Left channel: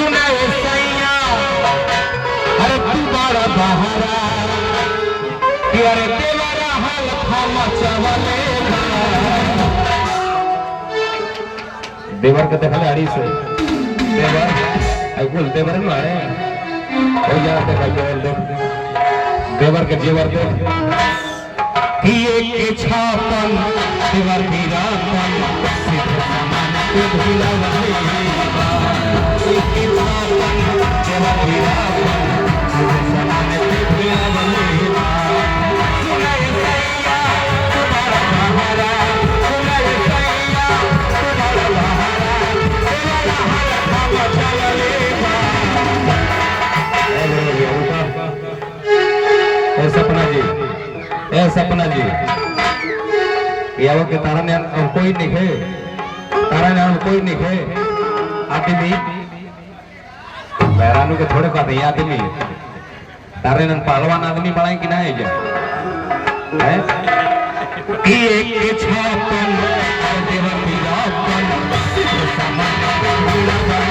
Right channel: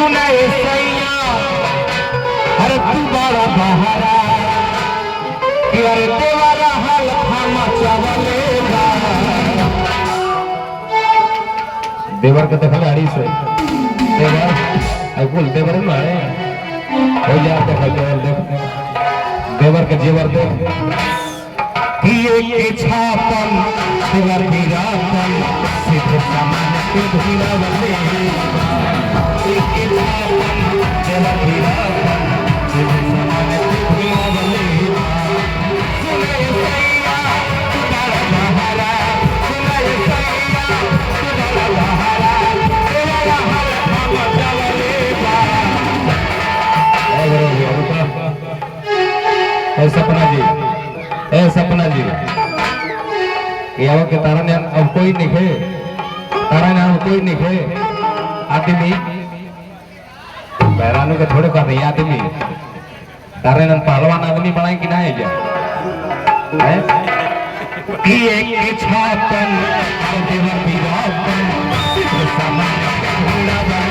सुनाए सैया अरे तू बड़ा बहारा कि अरे देवरा हाल खामा चावले देवर के देखले आड़ी से देवर आई बोल देवर ही मारे ओ यार देवर के जेवर दे कि एक छापन देवर वीरापन सिद्ध समान के धुलावले एक छापन देवर वीरापन सिद्ध समान के धुलावले सुनाए सैया तुम्हारा महारा सुनाए सैया तुम्हारा महारा तेरा हाल चावले सपना जी सपना जी यहाँ के तारा ने अब कोई नहीं है तारा ने अब कोई नहीं है आदमी बैरानों के थोड़े पास है आदमी तारे ने पहलवान आदमी बनाए कि ना है क्या कि एक छापन देवर वीरापन सामान